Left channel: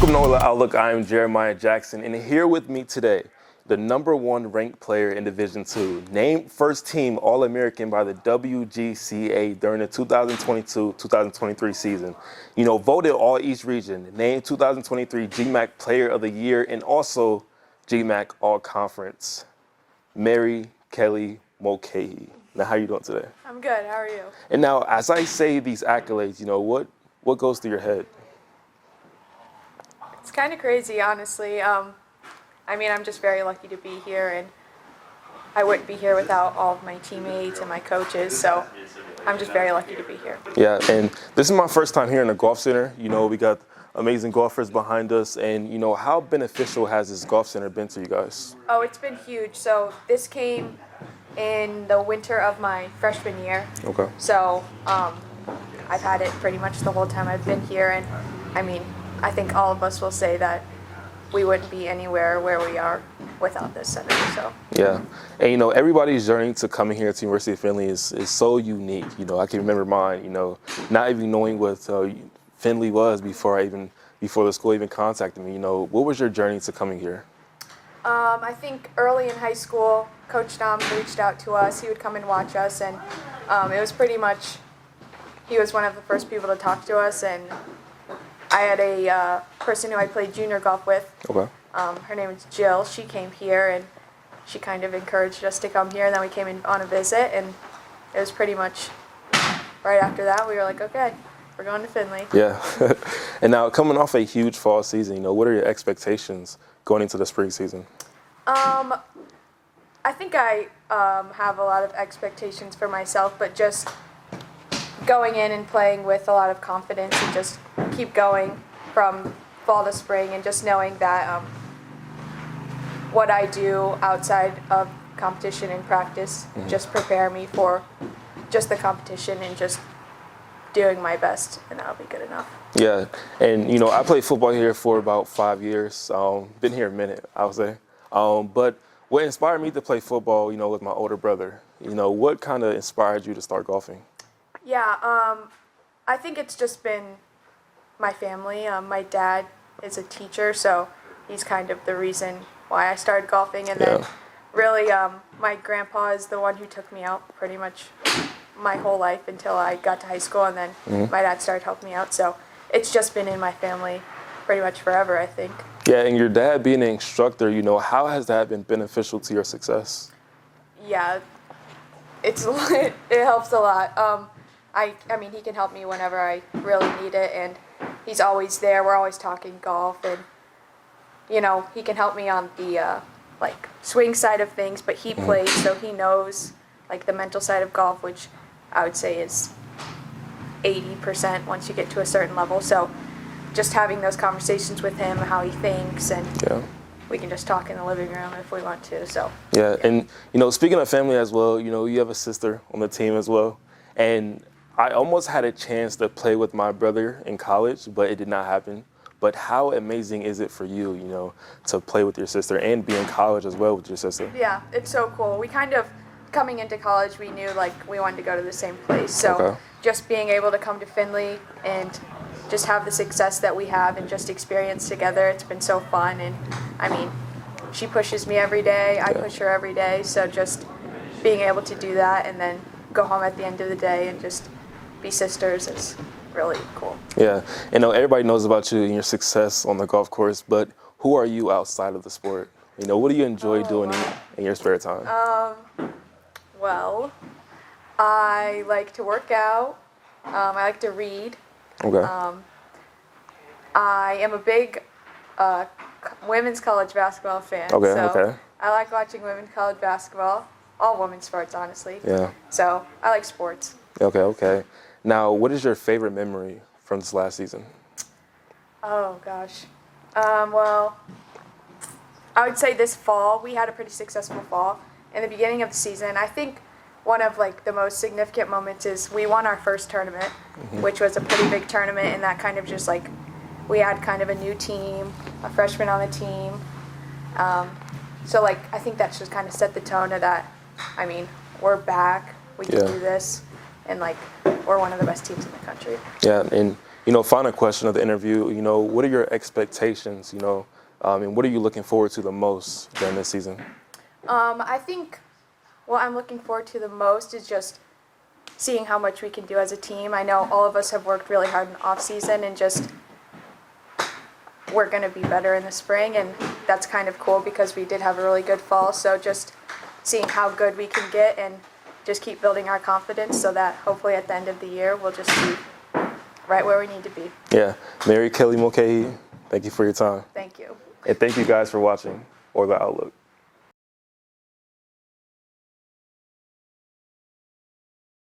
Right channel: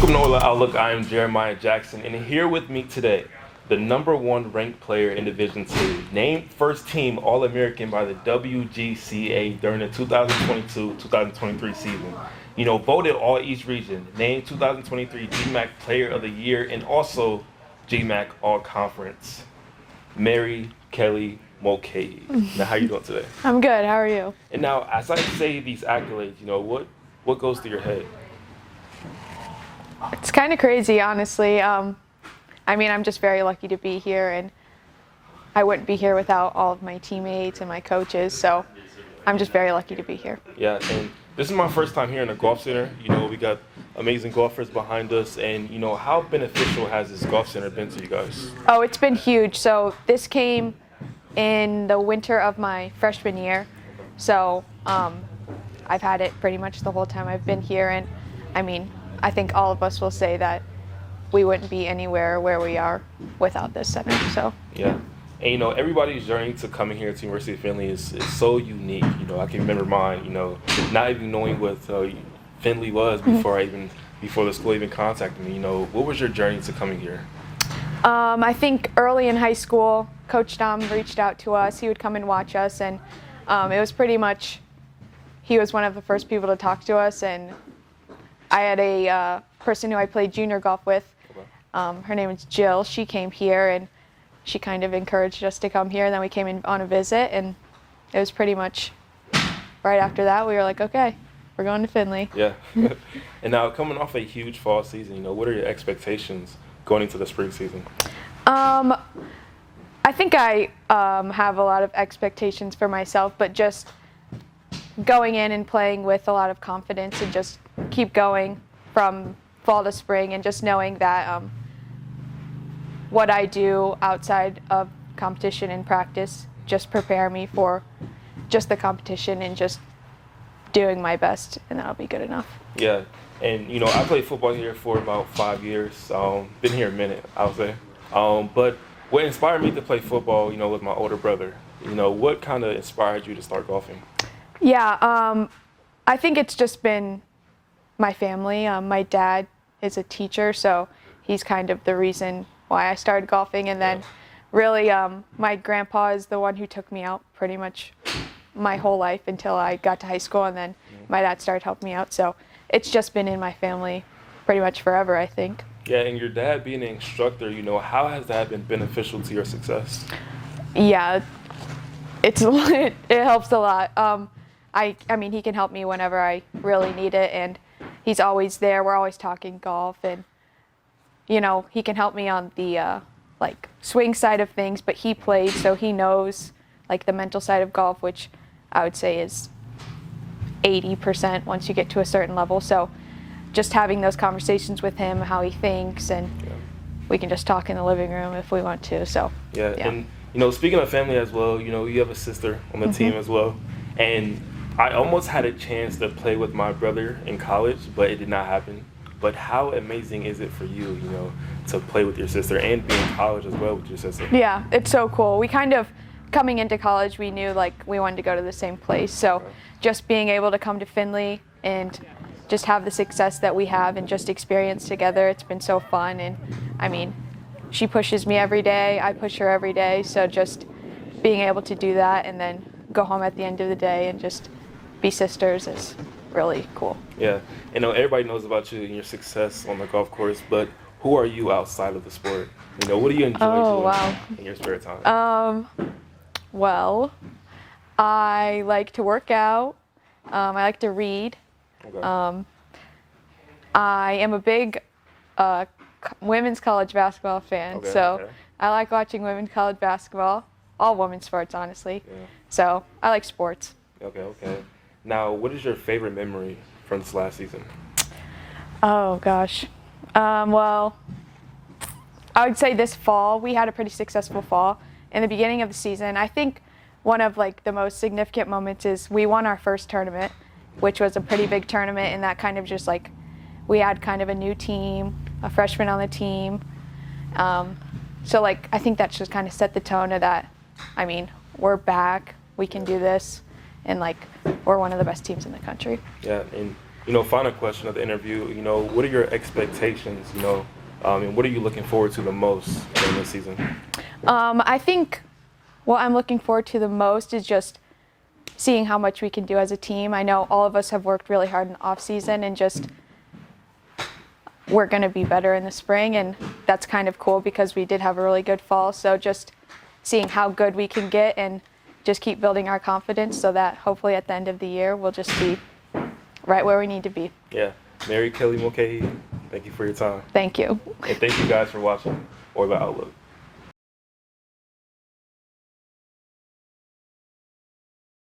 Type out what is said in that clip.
Welcome to Nola Outlook. I am Jeremiah Jackson, and here with me today, the #1 ranked player in Division II, named first team All-American by the WGCA during the 2022-2023 season. Voted All-East Region, named 2023 GMAC Player of the Year, and also GMAC All-Conference. Mary Kelly Mulcahy. Now, how you doing today? I'm good. How are you? And now, as I say these accolades, what goes through your head? It's kind of crazy, honestly. I'm just very lucky to be here, and I wouldn't be here without all of my teammates and my coaches, so I'm just very lucky to be here. Yeah, and this is my first time here in the Golf Center. We got amazing golfers behind us, and how beneficial has this Golf Center been to you guys? Oh, it's been huge. So this came in the winter of my freshman year. Okay. So I've had it pretty much the whole time I've been here, and I think all of us will say that we wouldn't be anywhere where we are without this center. So yeah, and everybody's journey to coming here to University of Findlay is so unique. I can remember mine. Not even knowing what Findlay was before the school even contacted me. What was your journey to coming here? I think early in high school, Coach Dom reached out to us. He would come and watch us, and it was pretty much, he was one of the first people to talk to us, and I had a person who I played junior golf with. Okay. Her name is Jill. She came here, and she kind of encouraged us to come here, and then we came in on a visit, and it was pretty much right after that we were like, okay, we're going to Findlay. Yeah. And now, coming off a huge fall season, what are your expectations going into the spring season? I think I have a lot of expectations for myself, but just going in and playing with a lot of confidence and just keep going from fall to spring, and just knowing that what I do outside of competition and practice just prepare me for just the competition and just doing my best, and that'll be good enough. Yeah, and I played football here for about 5 years. Been here a minute, I would say. But what inspired me to play football, with my older brother, what kind of inspired you to start golfing? Yeah, I think it's just been my family. My dad is a teacher, so he's kind of the reason why I started golfing. And then really my grandpa is the one who took me out pretty much my whole life until I got to high school, and then my dad started helping me out. So it's just been in my family pretty much forever, I think. Yeah, and your dad being an instructor, how has that been beneficial to your success? Yeah, it helps a lot. He can help me whenever I really need it, and he's always there. We're always talking golf, and he can help me on the swing side of things, but he plays, so he knows the mental side of golf, which I would say is 80% once you get to a certain level. So just having those conversations with him, how he thinks, and we can just talk in the living room if we want to. So yeah. And speaking of family as well, you have a sister on the team as well, and I almost had a chance to play with my brother in college, but it did not happen. But how amazing is it for you, to play with your sister and be in college as well with your sister? Yeah, it's so cool. We kind of, coming into college, we knew we wanted to go to the same place. So just being able to come to Findlay and just have the success that we have and just experience together, it's been so fun. And she pushes me every day, I push her every day. So just being able to do that and then go home at the end of the day and just be sisters is really cool. Yeah, and everybody knows about you and your success on the golf course, but who are you outside of the sport? What do you enjoy doing in your spare time? Well, I like to work out. I like to read. Okay. I am a big women's college basketball fan. So I like watching women's college basketball, all women's sports, honestly. Yeah. So I like sports. Okay. Now, what is your favorite memory from this last season? Oh, gosh. Well, I would say this fall, we had a pretty successful fall. In the beginning of the season, I think one of the most significant moments is we won our first tournament, which was a pretty big tournament, and that kind of just we had kind of a new team, a freshman on the team. So I think that just kind of set the tone of that. We're back, we can do this, and we're one of the best teams in the country. Yeah, and Final question of the interview. What are your expectations? And what are you looking forward to the most during this season? I think what I'm looking forward to the most is just seeing how much we can do as a team. I know all of us have worked really hard in the off season, and just we're going to be better in the spring, and that's kind of cool because we did have a really good fall. So just seeing how good we can get and just keep building our confidence so that hopefully at the end of the year we'll just be right where we need to be. Yeah. Mary Kelly Mulcahy, thank you for your time. Thank you. And thank you guys for watching Or The Outlook.